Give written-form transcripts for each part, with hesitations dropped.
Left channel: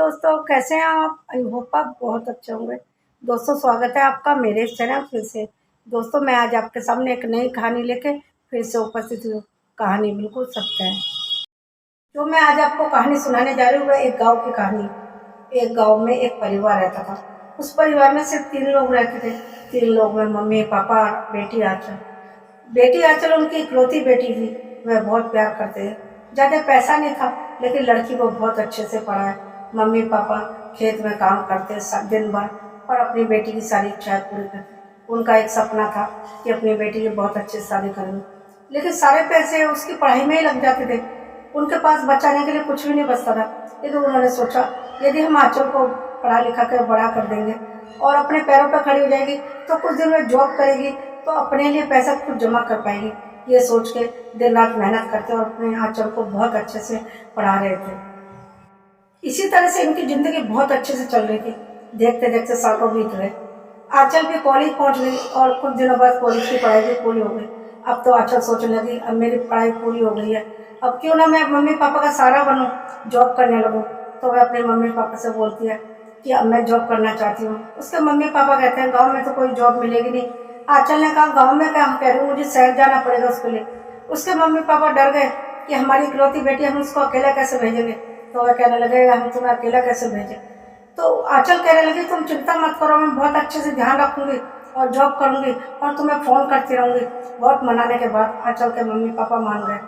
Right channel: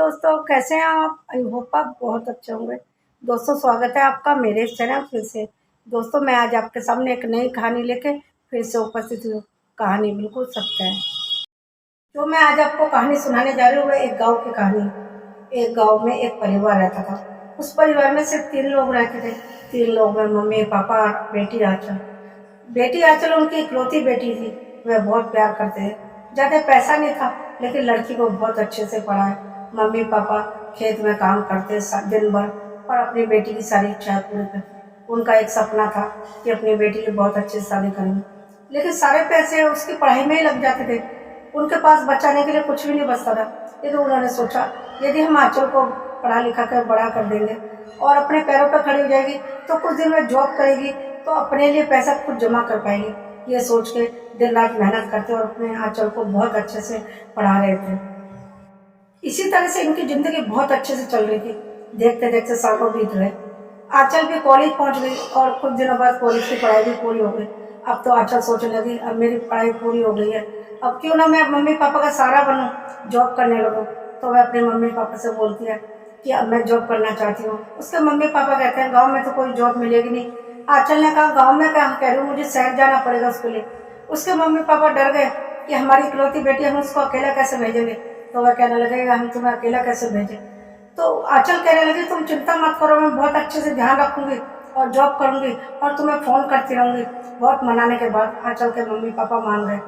दोस्तों, कैसे हैं आप? आई होप आप बहुत अच्छे होंगे। दोस्तों, स्वागत है आपका मेरे इस चैनल फिर से। दोस्तों, मैं आज आपके सामने एक नई कहानी लेके फिर से उपस्थित हूँ। कहानी बिल्कुल सत्य है। जो मैं आज आपको कहानी सुनाने जा रही हूँ वह एक गांव की कहानी। एक गांव में एक परिवार रहता था। उस परिवार में सिर्फ 3 लोग रहते थे। 3 लोग में मम्मी, पापा और बेटी आंचल। बेटी आंचल उनकी इकलौती बेटी थी। वह बहुत प्यार करते थे। ज़्यादा पैसा नहीं था, लेकिन लड़की को बहुत अच्छे से पढ़ाया। मम्मी पापा खेत में काम करते दिन भर और अपनी बेटी की सारी इच्छाएं पूरी करते। उनका एक सपना था कि अपनी बेटी की बहुत अच्छे से शादी करेंगे, लेकिन सारे पैसे उसकी पढ़ाई में ही लग जाते थे। उनके पास बचाने के लिए कुछ भी नहीं बचता था। लेकिन उन्होंने सोचा, यदि हम आंचल को पढ़ा लिखा कर बड़ा कर देंगे और अपने पैरों पर खड़ी हो जाएगी तो कुछ दिन में जॉब करेगी तो अपने लिए पैसा खुद जमा कर पाएगी। ये सोच के दिन रात मेहनत करते और अपने आंचल को बहुत अच्छे से पढ़ा रहे थे। इसी तरह से इनकी जिंदगी बहुत अच्छे से चल रही थी। देखते देखते सालों बीत गए। आंचल भी कॉलेज पहुंच गई और कुछ दिनों बाद कॉलेज की पढ़ाई भी पूरी हो गई। अब तो आंचल सोचने लगी, अब मेरी पढ़ाई पूरी हो गई है, अब क्यों ना मैं मम्मी पापा का सहारा बनूं, जॉब करने लगूं। तो वह अपने मम्मी पापा से बोलती है कि अब मैं जॉब करना चाहती हूँ। उसके मम्मी पापा कहते हैं, गाँव में तो कोई जॉब मिलेगी नहीं। आंचल ने कहा, गाँव में क्या कह रही हूँ, मुझे शहर जाना पड़ेगा उसके लिए। उसके मम्मी पापा डर गए कि हमारी इकलौती बेटी, हम उसको अकेला कैसे भेजेंगे। तो वह कहने लगे, हम तुम्हें अकेला कैसे भेजें। तो आंचल कहने लगी, तुम चिंता मत करो, मैं बहुत अच्छे से ध्यान रखूंगी और जॉब करूंगी और तुम्हें फ़ोन करती रहूंगी। बहुत मनाने के बाद आंचल के मम्मी पापा मान गए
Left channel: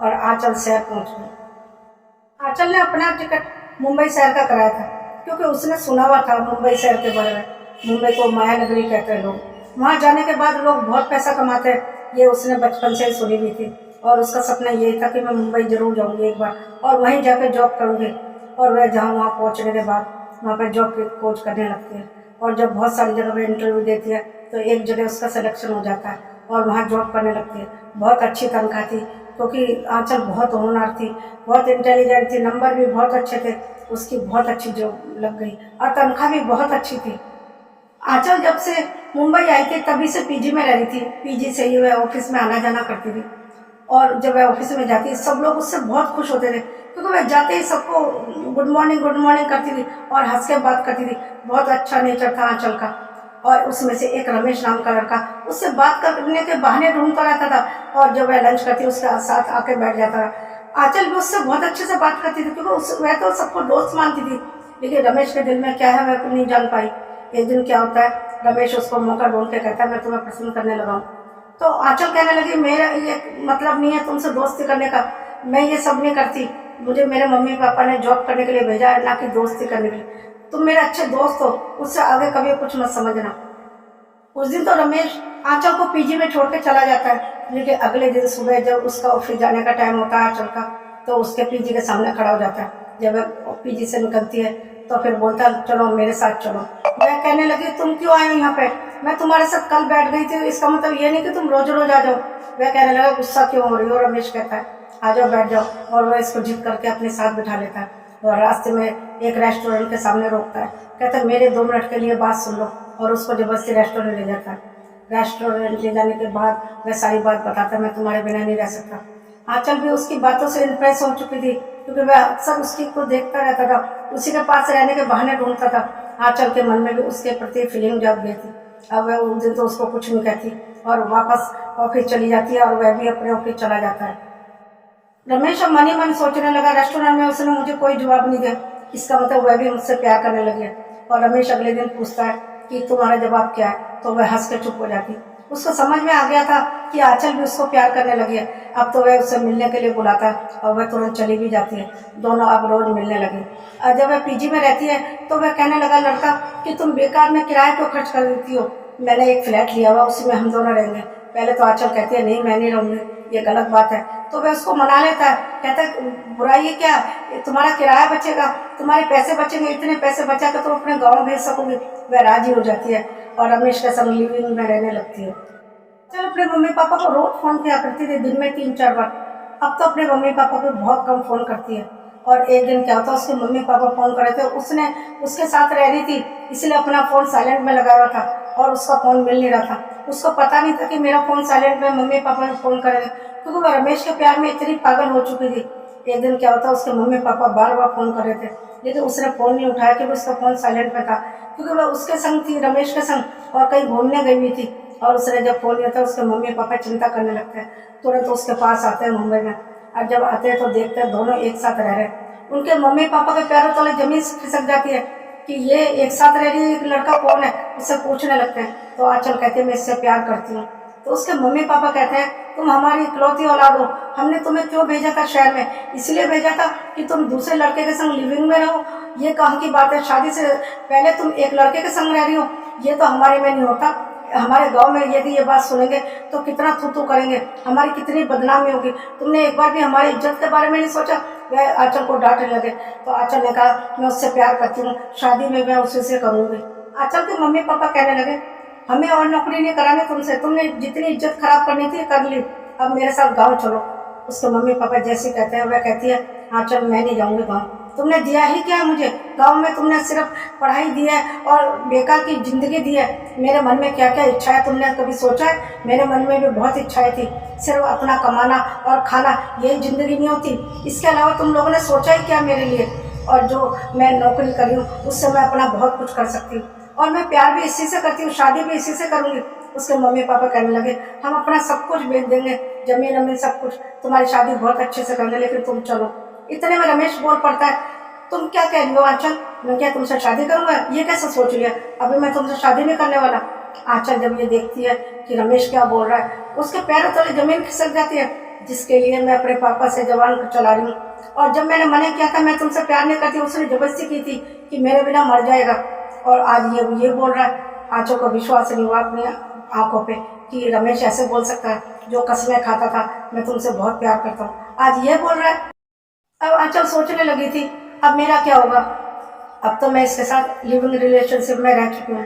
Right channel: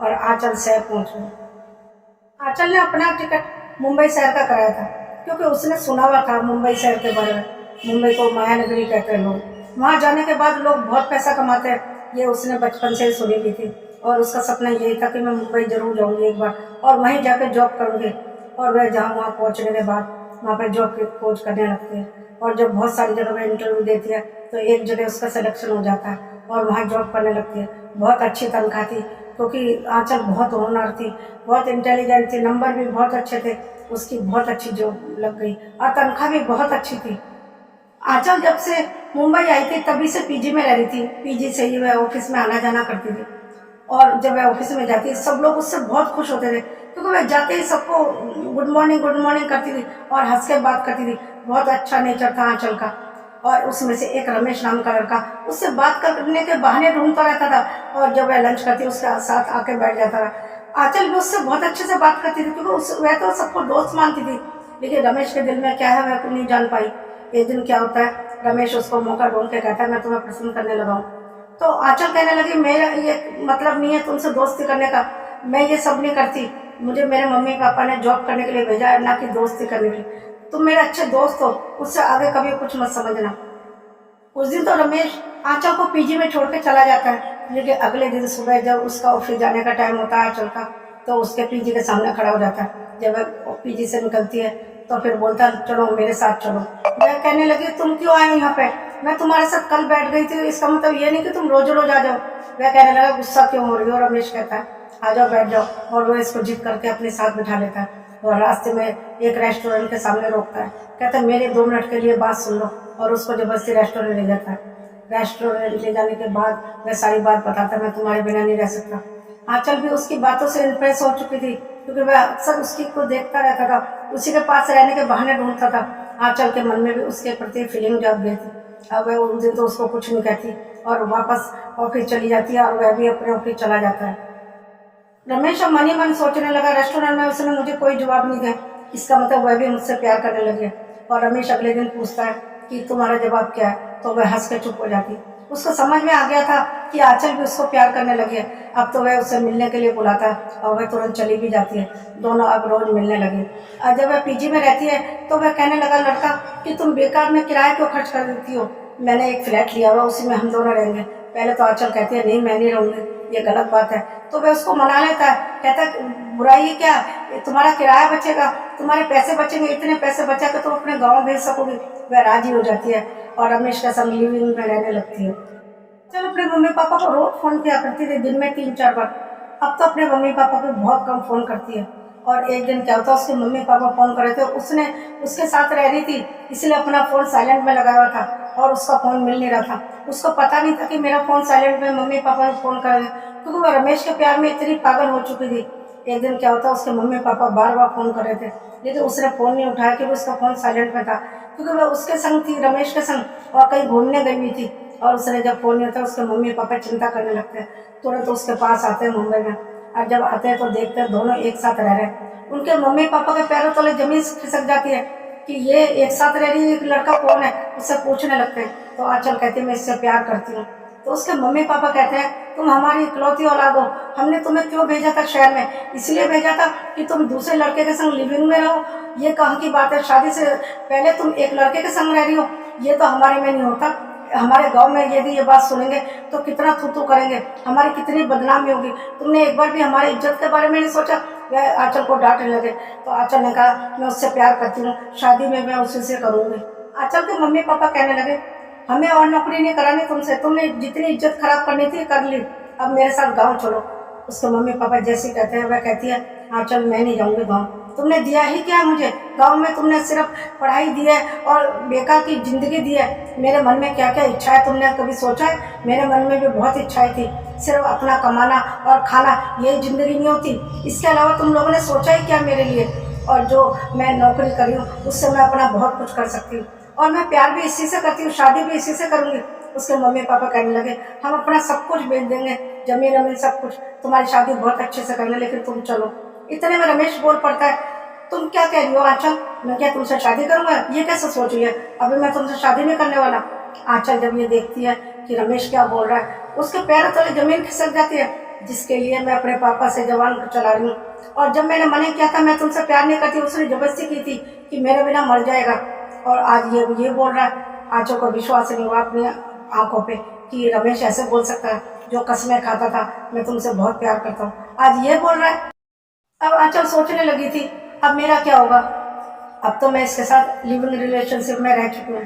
और आंचल शहर पहुंच गई। आंचल ने अपना टिकट मुंबई शहर का कराया था, क्योंकि उसने सुना हुआ था मुंबई शहर के बारे में। मुंबई को माया नगरी कहते हैं लोग। वहाँ जाने के बाद लोग बहुत पैसा कमाते हैं, ये उसने बचपन से ही सुनी हुई थी। और उसका सपना यही था कि मैं मुंबई जरूर जाऊंगी एक बार और वहीं जाकर जॉब करूंगी। और वह जहाँ वहाँ पहुँचने के बाद वहाँ पर जॉब की खोज करने लगती है। और जब बहुत सारी जगह पर इंटरव्यू देती है तो एक जगह उसका सिलेक्शन हो जाता है और वहाँ जॉब करने लगती है। बहुत अच्छी तनख्वाह थी, क्योंकि आंचल बहुत होनहार थी, बहुत इंटेलिजेंट थी, नंबर भी बहुत अच्छे थे। उसकी बहुत अच्छी जॉब लग गई और तनख्वाह भी बहुत अच्छी थी। आंचल जब से मुंबई आई थी तभी से पीजी में रह रही थी। पीजी से ही वह ऑफिस में आना जाना करती थी। और जब वह ऑफिस में जाती सब लोग उससे बहुत खुश होते थे, क्योंकि वह जाते ही सबको गुड मॉर्निंग करती थी और हंस के बात करती थी। बहुत अच्छा नेचर था आंचल का। और उसमें से एक रमेश नाम का लड़का उससे बात करने के बहाने ढूंढता रहता था और जब वह लंच करती उसके साथ आके बैठ जाता था। आंचल भी उससे बहुत अच्छे से बात करती थी, क्योंकि वह तो सबको दोस्त मानती थी। लेकिन रमेश के दिल में क्या है वह नहीं जान पाई। एक दिन क्या होता है, रमेश उसको मौका ढूंढ के कहता है, मैं तुम्हें पसंद करने लगा हूँ। तो आंचल कहने लगी, मेरा ये मतलब नहीं है तुमसे दोस्ती करने का, मैं ये सब नहीं करती। मुझे मेरे मम्मी पापा ने जॉब करने के लिए भेजा है, ना कि दोस्ती करने के लिए। तुम मेरे अच्छे दोस्त हो, उससे आगे कभी कुछ मत समझना। उस दिन तो रमेश आंचल को पीजी में छोड़ के चला जाता है। लेकिन अगले दिन सुबह जब उसका ऑफिस जाने का टाइम होता है आंचल का, तो उसके पीजी के सामने खड़ा हो जाता है। जब वह पीजी से निकलती है तो फिर बोलता है, चलो मेरे साथ चलो। वह कहने लगी, तुम क्यों आए हो यहाँ पे, मैं तुम्हारे साथ कल बैठ गई थी, इसका मतलब ये नहीं कि तुम रोज रोज आ जाओ। वह कहने लगा, गुस्सा क्यों हो रही हो। रमेश कहता है, आ जाओ बैठ जाओ। और वह इसको जिद करके अपने साथ बिठा लेता है और रास्ते में एक रेस्टोरेंट के सामने रोकता है। कहता है, मेरे 2 मिनट के लिए बात सुन लो। और उसको जबरदस्ती रेस्टोरेंट ले जाता है। रेस्टोरेंट ले जाने के बाद वह सारी बात बताता है, मैं तुम्हारे बिना नहीं रह सकता। आंचल भी उसकी बातों से इम्प्रेस हो चुकी थी, क्योंकि वह अक्सर उसकी को देखता रहता था, उसी के पास रहने के बहाने ढूंढता था। आंचल के मन में भी उसके प्रति फीलिंग जग गई थी। अब वह उस दिन तो उसको कुछ नहीं कहती और वापस ऑफिस चली जाती है और वह भी अपने ऑफिस चला जाता है। रमेश अब मन ही मन सोचने लगा, रेस्टोरेंट में उसने मुझे कोई जवाब नहीं दिया, इसका मतलब वह भी मुझसे प्यार करने लगी है। और रमेश अगले दिन पूछता है कि तुम्हारा जवाब क्या है, तो वह हंस के चुप हो जाती। उसको समझ में आ गया था कि आंचल भी उसको प्यार करने लगी है। अब तो वह उससे मिलने के लिए बुलाता और वह तुरंत चली भी जाती है। दोनों अब रोज मिलने लगे। और जब वह पीजी में रहती है तो वह कहने लगा, लड़का कि तुम बेकार में किराए क्यों खर्च कर देती हो, मैंने एक फ्लैट लिया हुआ, उसी में हम दोनों रहेंगे। पहले तो आंचल कहती है, नहीं मैं नहीं रहूँगी, ये गलत बात है। तो वह उसको मना लेता है, कहता है, बुराई है क्या, तुम्हारा किराया बचेगा, तुम्हारे पैसे बचेंगे, इतने पैसे बचा कर तुम अपने गाँव भेज सकोगे। वह राजी हो जाती है और रमेश के संग लिविंग में रहने लगती है। चल अपने मम्मी पापा को रोज फोन किया करती थी, दिन में 3-4 बार। अब तो अपने मम्मी पापा को बहुत कम फोन करती है। और एक दिन क्या होता है, उसके मम्मी पापा फोन कर रहे थे, उसने उसके साथ रह रही थी, इसलिए अपना फोन साइलेंट में लगाया हुआ था और उसका फोन मिल नहीं रहा था। उसको पता नहीं था कि मेरा फोन साइलेंट में, मम्मी पापा ने फोन कर रहे थे, क्योंकि वह रमेश के प्यार में इतनी पागल हो चुकी थी। एक दिन क्या होता, उसके मम्मी पापा बार बार फ़ोन कर रहे थे, लेकिन उसने फ़ोन नहीं उठाया क्योंकि उसका फ़ोन साइलेंट में था, क्योंकि वह उसके संग थी, रमेश के संग, और कहीं घूमने गई हुई थी। और उसने जब फ़ोन नहीं होता, उसके मम्मी पापा चिंता करने लगते हैं, तुरंत उसके पास आते हैं मुंबई में। और जब आते हैं तो देखते हैं दोनों एक साथ रह रहे हैं। उनके मम्मी पापा के पैरों तले ज़मीन खिसक जाती है कि ये एक साथ रह रही है, एक लड़का कौन है, उससे पूछने लगते हैं। तो आंचल कहती है मैं इससे प्यार करती हूँ। तो उसके मम्मी पापा कहते हैं तुम हमारी इकलौती औलाद हो, हमने तुम्हें क्यों भेजा था शहर में, इसलिए भेजा था कि तुम दूसरे लड़के के संग लिविंग में रहो। ये कहाँ की बात है, शादी से पहले तुम एक लड़के के संग रह रही हो, ये तो हमारे में नहीं होता। हमारे गांव में यदि ये बात सुनेंगे तो कितना थू थू करेंगे, हमारी कितनी बदनामी होगी। तुमने एक बार भी हमारी इज्जत के बारे में नहीं सोचा। वह आंचल को डांटने लगे। तो आंचल ने कहा मैं उससे प्यार करती हूँ, शादी में मैं उसी से करूँगी। आंचल के मम्मी पापा कहने लगे हमें और नौकरी नहीं करानी तुमसे, तुमने जितनी इज्जत खराब करनी थी कर ली, अब मेरे साथ गाँव चलो। उसके मम्मी पापा जैसे कहते हैं वह कहती है आंचल मैं नहीं जाऊँगी गाँव, तुमने दिया ही क्या मुझे गांव में, तुमने सिर्फ पढ़ाई दी है और बेकार की ज़िंदगी दी है। मेरे मन में क्या क्या इच्छा है तुमने कभी सोचा है? मेरे मन में भी बहुत इच्छाएं थी, सिर्फ अपना कमाना और खाना, यही ज़िंदगी नहीं होती, इसके अलावा तुम लोगों ने सोचा ही क्या मेरे लिए? और जो मैं नौकरी करी हूँ उससे मैं अपना बहुत कुछ कर सकती हूँ, और मैं प्यार भी इसी से करती हूँ, शादी भी इसी से करूँगी। उसके मम्मी पापा कहने लगे हम अपना सब कुछ बेच देंगे, ज़मीन अमीन सब कुछ, तुम्हारी शादी बहुत अच्छे से करेंगे, लेकिन तुम चलो। इतने में रमेश बोल पड़ता है तुम क्या कह रही हो आंचल, मैं क्या तुमसे शादी करूंगा? ये कैसे सोच रही है, अभी मैं तुमसे शादी नहीं करने वाला। आंचल जब ये देखती है कि रमेश क्या बोल रहा है, उसके पैरों तले जमीन खिसक जाती है, जिसके लिए मैं अपने पापा से जबान चला रही हूँ। और जब मैंने मना किया था मैं तुमसे प्यार नहीं करती, उसने जबरदस्ती की थी कि मेरे बिना मर जाएगा, और आज ये बोल रहा है। आंचल को विश्वास नहीं हुआ अपनी आंखों पे कि रमेश ऐसे बोल सकता है, जो कसमें खाता था मैं तुमसे बहुत प्यार करता हूँ, आज ये बोल रहा है। अब आंचल सोचने लगी थी अब मेरा क्या होगा, अब तो मैं इसके साथ लिविंग रिलेशनशिप में रह चुकी हूँ।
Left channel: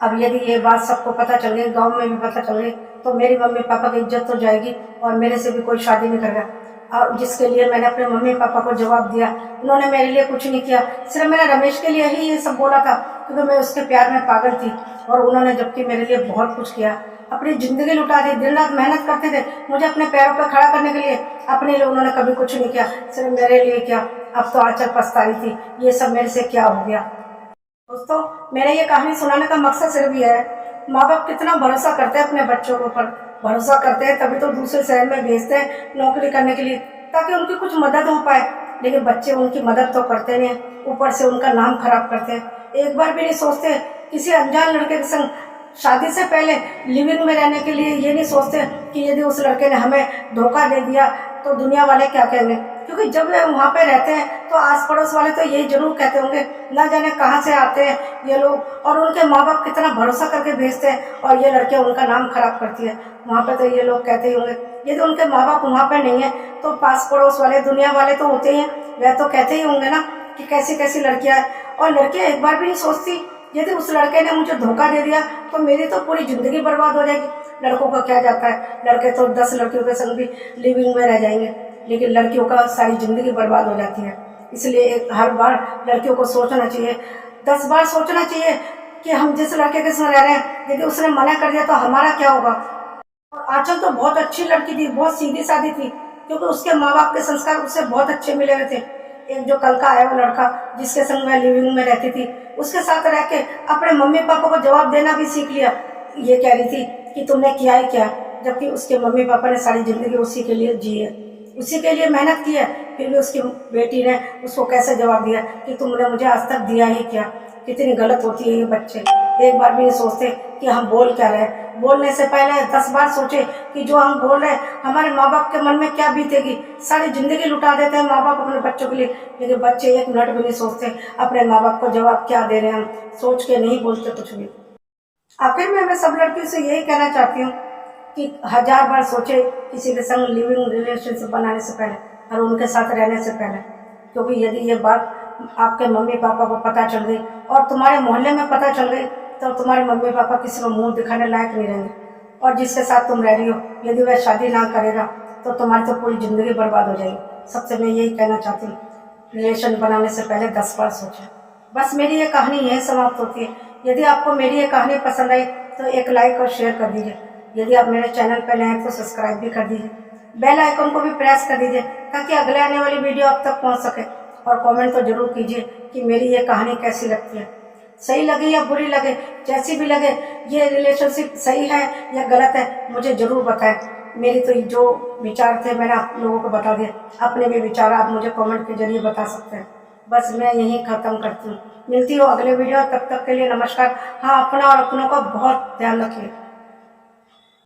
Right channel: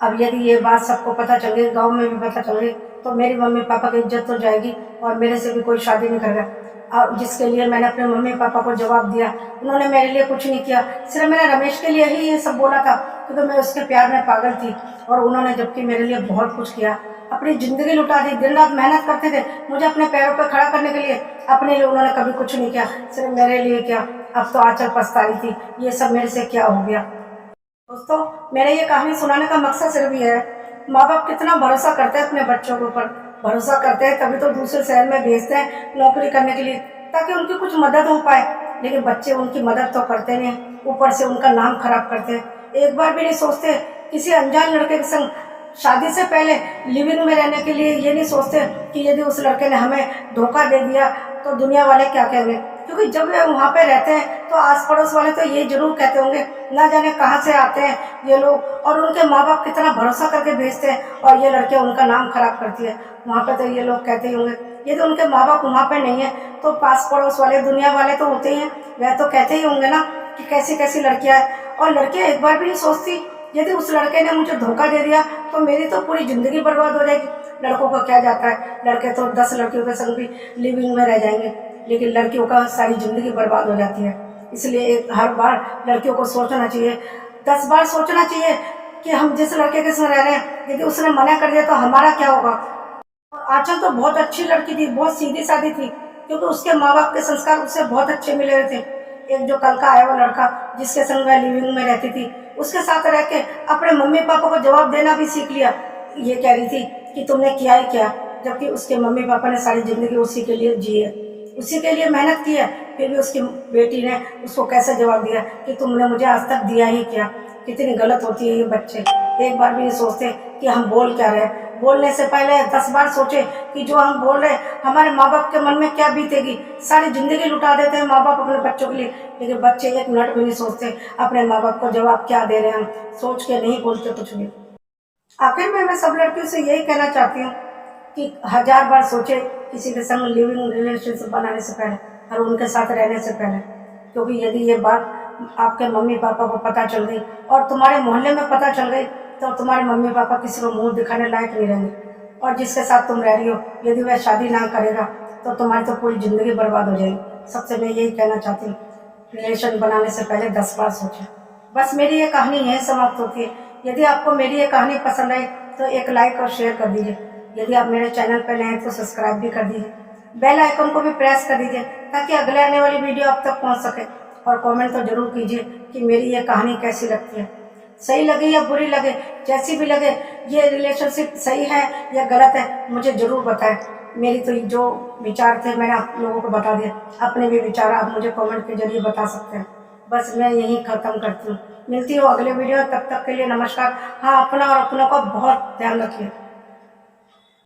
अब यदि ये बात सबको पता चल गई, गांव में भी पता चल गई, तो मेरी मम्मी पापा की इज्जत तो जाएगी और मेरे से भी कोई शादी नहीं करेगा। और जिसके लिए मैंने अपने मम्मी पापा को जवाब दिया, उन्होंने मेरे लिए कुछ नहीं किया, सिर्फ मैंने रमेश के लिए ही ये सब बोला था, क्योंकि मैं उसके प्यार में पागल थी। और उन्होंने जबकि मेरे लिए बहुत कुछ किया, अपनी ज़िंदगी लुटा दी, दिन रात मेहनत करते थे मुझे अपने पैरों पर खड़ा करने के लिए, अपने लिए उन्होंने कभी कुछ नहीं किया, सिर्फ मेरे लिए किया। अब तो आंचल पछता रही थी, ये सब मेरे से क्या हो गया। दोस्तों, मेरा ये कहानी सुनाने का मकसद सिर्फ ये है, माँ बाप कितना भरोसा करते हैं अपने बच्चों के ऊपर, भरोसा करते हैं तभी तो दूसरे शहर में भेजते हैं नौकरी करने के लिए, ताकि उनकी कुछ मदद हो पाए। लेकिन बच्चे उनकी मदद तो करते नहीं, ऊपर से उनका नाम खराब करते हैं। एक बार भी नहीं सोचते किसी अनजान लड़के के संग शादी से पहले लिविंग में रहने के लिए, ये नहीं सोचते कि यदि उस लड़के ने हमें धोखा दे दिया तो दुनिया वाले क्या कहेंगे। क्योंकि जब वे वहाँ पे रहते हैं तो आस पड़ोस वाले तो यही जरूर कहते होंगे ना जाने कहाँ से आते हैं ये लोग, और उनके माँ बाप कितना भरोसा करके भेजते हैं, और ये लड़कियाँ उनका नाम खराब करती है। वहाँ पे तो ये लोग कहते ही होंगे, यदि उनके माँ बाप वहाँ पे नहीं है तो पास पड़ोस वाले दुनिया वाले तो होते ही हैं, वह तो कहते ही होंगे ना कि कैसी कैसी लड़कियाँ हैं। और लड़कियाँ एक बार भी नहीं सोचती यदि उस लड़के ने मुझे धोखा दे दिया तो मेरी तो पूरी ज़िंदगी बर्बाद हो जाएगी। लड़कों को क्या जाता है, लड़के तो 10 लड़कियों के संग भी लिविंग में रह जाएंगे, लेकिन लड़कियों का सारी ज़िंदगी बर्बाद हो जाती है। इसलिए हर बार लड़कियों को सोचना चाहिए, 10 बार सोचना चाहिए कि हम जिस लड़के के संग रह रहे हैं, यदि उसने मना कर दिया तो हमारा क्या होगा। और आंचल तो बहुत अच्छी लड़की थी, बहुत सीधी सादी थी, क्योंकि उसके माँ बाप के संस्कार उससे बहुत अच्छे मिले हुए थे। एक जो कल का आया वो लड़का जिसके संग वह लिविंग में रहती थी, उसके साथ रह के अपने मम्मी पापा को जवाब देना भी सीख लिया। ये कह रही थी कि तुमने किया ही क्या, जबकि उसके मम्मी पापा ने सारी ज़िंदगी उसी के लिए जी है, उसी के लिए मेहनत की है, फिर भी उसकी बेटी ने उसको कैसे जवाब दिया कि तुमने मुझे आज तक दिया ही क्या। कितनी गलत होती है ये बच्चे, एक बार भी नहीं सोचते कि हम बोल क्या रहे हैं। बोलने से पहले 10 बार सोचे कि जो हम बोल रहे हैं हमारे माँ बाप के मन में क्या बीतेगी। सारी ज़िंदगी लुटा देते हैं माँ बाप अपने बच्चों के लिए, लेकिन बच्चे एक मिनट भी नहीं सोचते अपने माँ बाप को जवाब क्या दे रहे हैं, हम सोच के नहीं बोलते कुछ भी। आखिर में मैं सब लड़कियों से यही कहना चाहती हूँ कि 1000 बार सोचे किसी के संग लिविंग रिलेशनशिप बनाने से पहले और उनके साथ रहने से पहले, क्योंकि यदि ये बात आपके मम्मी पापा को पता चल गई और तुम्हारे मोहल्ले में पता चल गई तो तुम्हारे मम्मी पापा किसी को मुंह दिखाने लायक नहीं रहेंगे। और जिसके साथ तुम रह रही हो यदि वह शादी ना करेगा तो तुम्हारी तो पूरी ज़िंदगी बर्बाद हो जाएगी। सबसे मैं यही कहना चाहती हूँ, रिलेशन बनाने से पहले 10 बार सोचें। बस मेरी ये कहानी यहीं समाप्त होती है। यदि आपको मेरी ये कहानी पसंद आई तो एक लाइक और शेयर कर दीजिए। यदि आप मेरे चैनल पर नए हैं तो सब्सक्राइब भी कर दीजिए। बेल आइकन को भी प्रेस कर दीजिए ताकि अगले आने वाली वीडियो आप तक पहुंच सके। और कमेंट तो ज़रूर कीजिए कि मेरी ये कहानी कैसी लगती है, सही लगे या बुरी लगे, जैसी भी लगे, ये रिलेशनशिप सही है या गलत है मुझे ज़रूर बताएं। मेरी तो जो विचार थे मैंने आप लोगों को बता दिए, अपने भी विचार आप मुझे कमेंट के जरिए बता सकते हैं। बस मैं यहीं ख़त्म करती हूँ, मिलती हूँ अगले वीडियो, तब तक के लिए नमस्कार। हाँ, अपना और अपनों का बहुत ध्यान रखिए।